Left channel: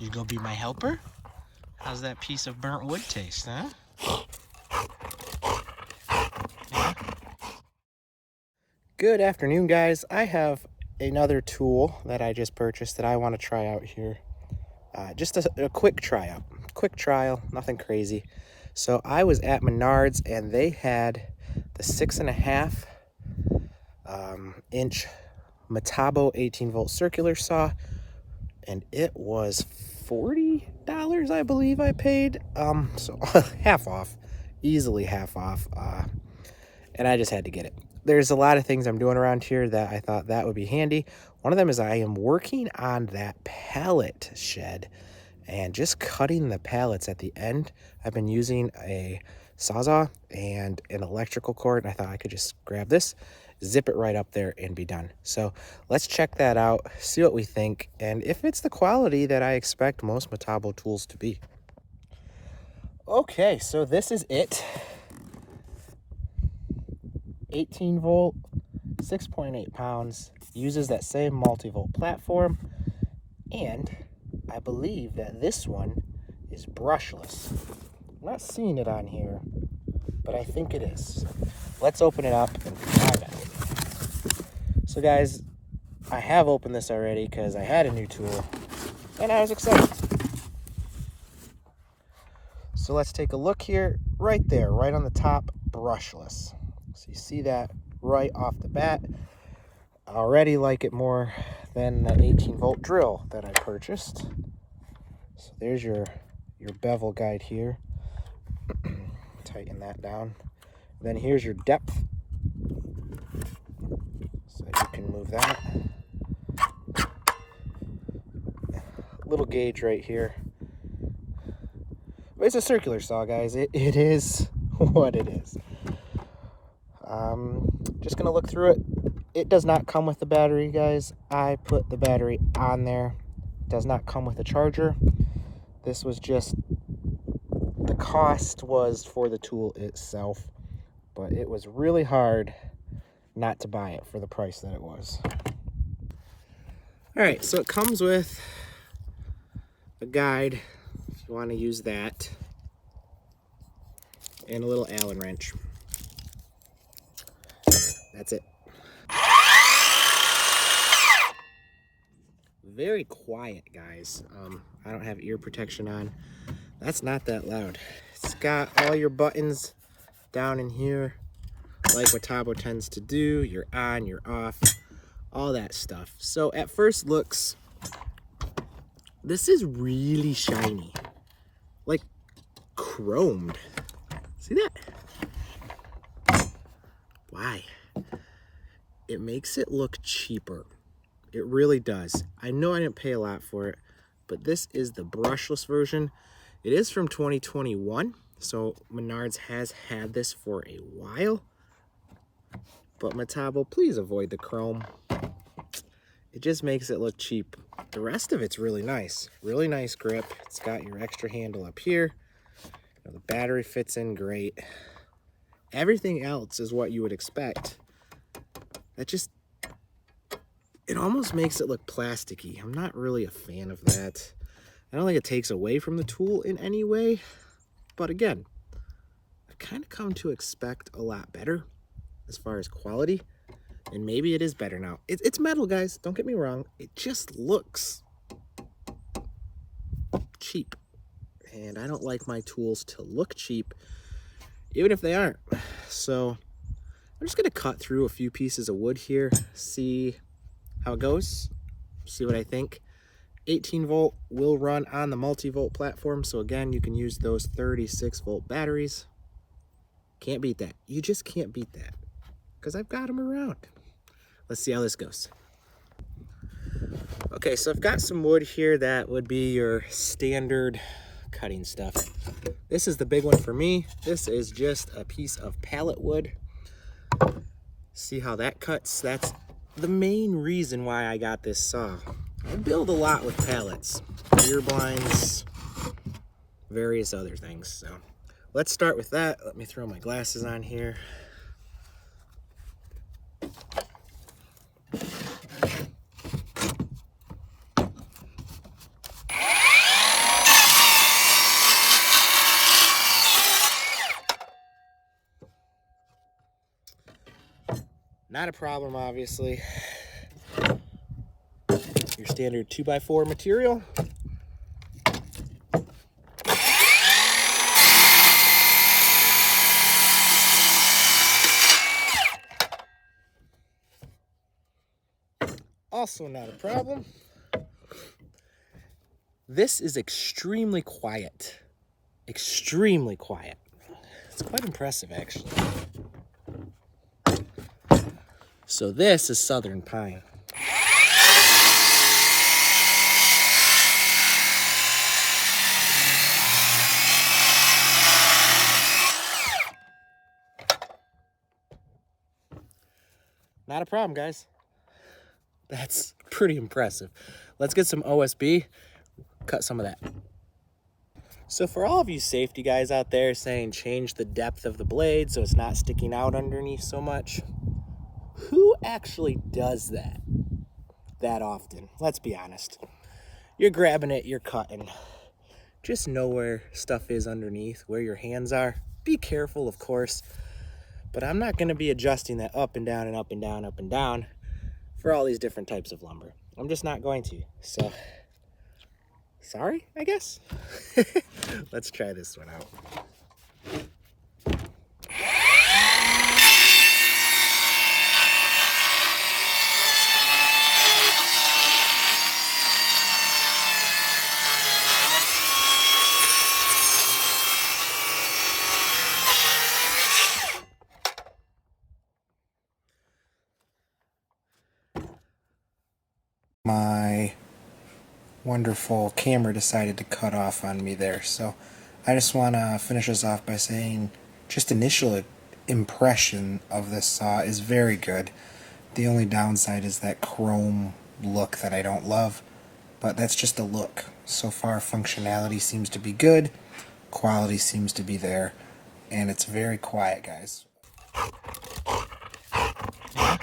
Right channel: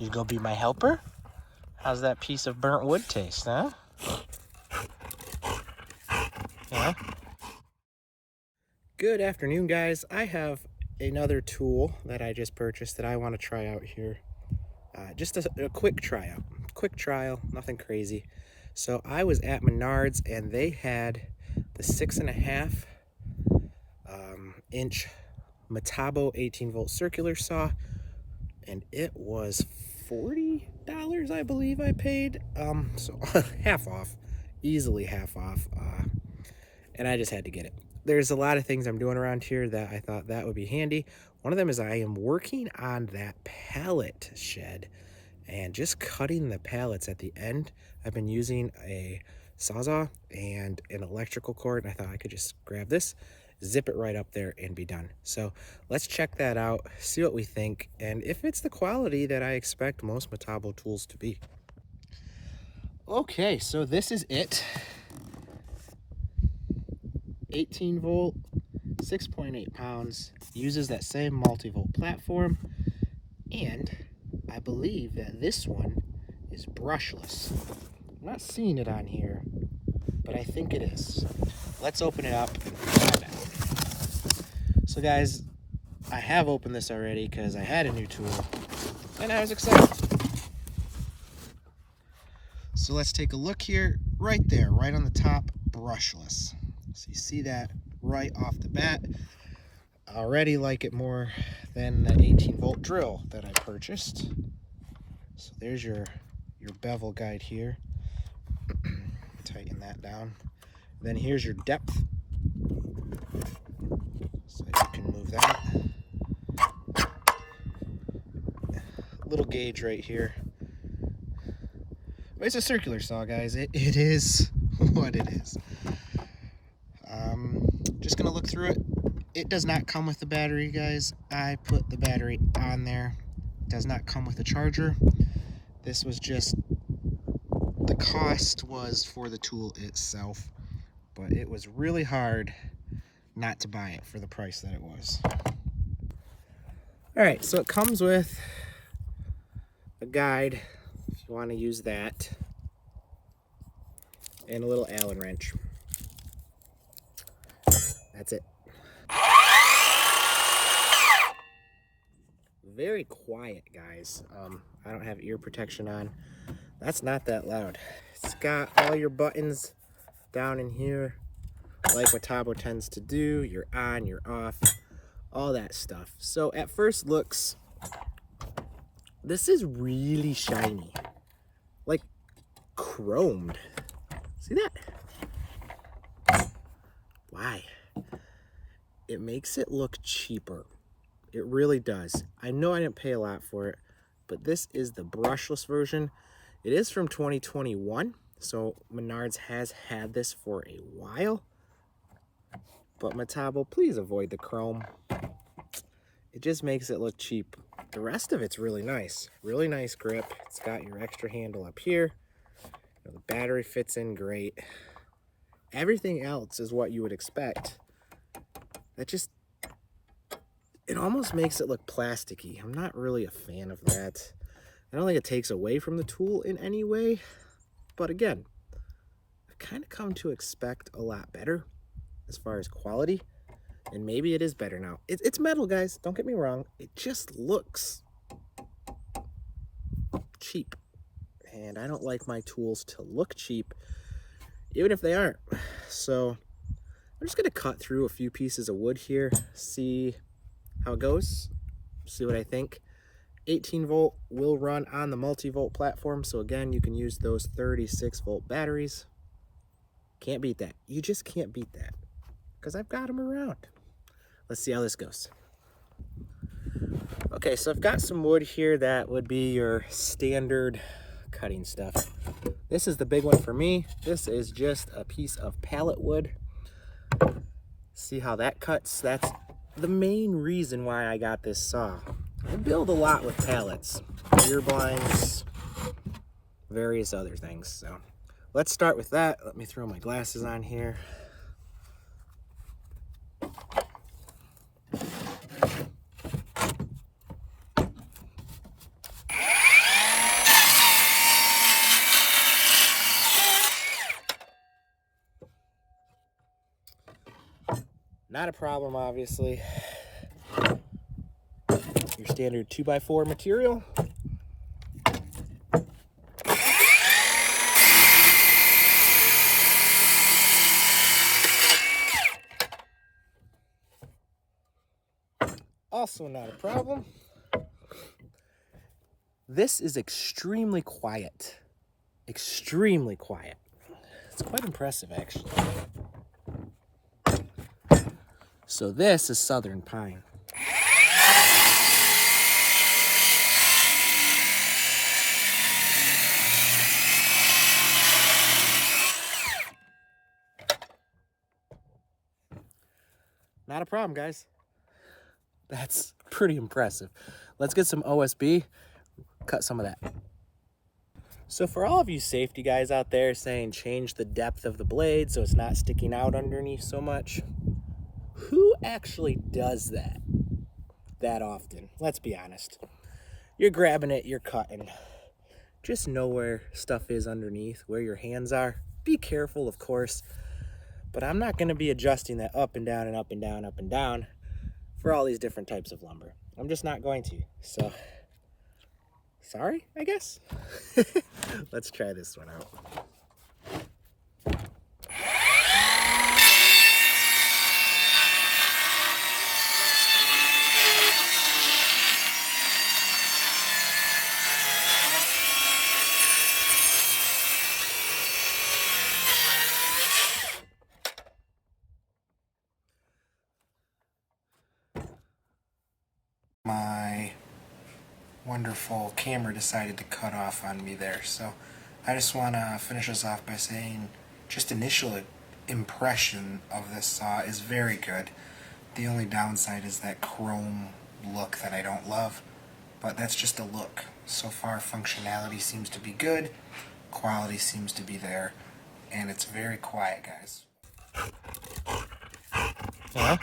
You go be my helper? How's that piece of burnt wood taste, huh? Yeah? Good afternoon, guys. I have another tool that I just purchased that I want to try out here. Just a quick tryout. Quick trial, nothing crazy. So I was at Menards and they had the 6.5 inch Metabo 18-volt circular saw, and it was $40, I believe I paid. So half off, easily half off. And I just had to get it. There's a lot of things I'm doing around here that I thought that would be handy. One of them is I am working on that pallet shed and just cutting the pallets at the end. I've been using a Sawzall and an electrical cord, and I thought I could just grab this, zip it right up there, and be done. So let's check that out, see what we think, and if it's the quality that I expect most Metabo tools to be. Okay, so this is it. 18 volt, 6.8 pounds, uses that same multi-volt platform, and I believe that this one is brushless. I'm not seeing it on here, but I think it is. Let's open it up and find out. So guys, I have opened this already because I had a new tool and I was excited. So let's take a look here, right there, right on the top, brushless. So you see that right off the bat. I already like it more than the 18-volt drill that I purchased. So there's your bevel guide here. Tighten that down. And then here's your depth. So you can move that. Little gauge right here. It's a circular saw, guys. It is what it is. Just gonna look through it. It does not come with the battery, guys. I put the battery on there. It does not come with a charger. This was just, the cost was for the tool itself, but it was really hard not to buy it for the price that it was. All right, so it comes with a guide if you want to use that, and a little Allen wrench. That's it. Very quiet, guys. I don't have ear protection on. That's not that loud. It's got all your buttons down in here, like Metabo tends to do. You're on, you're off, all that stuff. So at first looks, this is really shiny, like chromed. See that? Why? It makes it look cheaper. It really does. I know I didn't pay a lot for it, but this is the brushless version. It is from 2021, so Menards has had this for a while. But Metabo, please avoid the chrome. It just makes it look cheap. The rest of it's really nice. Really nice grip. It's got your extra handle up here. The battery fits in great. Everything else is what you would expect. That just, it almost makes it look plasticky. I'm not really a fan of that. I don't think it takes away from the tool in any way. But again, I've kind of come to expect a lot better as far as quality. And maybe it is better now. It's metal, guys. Don't get me wrong. It just looks cheap. And I don't like my tools to look cheap, even if they aren't. So I'm just going to cut through a few pieces of wood here, see how it goes, see what I think. 18 volt will run on the multi-volt platform, so again, you can use those 36 volt batteries. Can't beat that. You just can't beat that, because I've got them around. Let's see how this goes. Okay, so I've got some wood here that would be your standard cutting stuff. This is the big one for me. This is just a piece of pallet wood. See how that cuts? That's the main reason why I got this saw. I build a lot with pallets, ear blinds, various other things. So let's start with that. Let me throw my glasses on here. Not a problem, obviously. Your standard 2x4 material. Also not a problem. This is extremely quiet. Extremely quiet. It's quite impressive, actually. So this is southern pine. Not a problem, guys. That's pretty impressive. Let's get some OSB, cut some of that. So for all of you safety guys out there saying change the depth of the blade so it's not sticking out underneath so much, who actually does that often? Let's be honest. You're grabbing it, you're cutting. Just know where stuff is underneath, where your hands are. Be careful, of course, but I'm not gonna be adjusting that up and down and up and down, up and down for all these different types of lumber. I'm just not going to. So, sorry, I guess. Let's try this one out. My wonderful camera decided to cut off on me there, so I just want to finish this off by saying just initial impression of this saw is very good. The only downside is that chrome look that I don't love, but that's just a look. So far functionality seems to be good, quality seems to be there, and it's very quiet, guys. Yeah.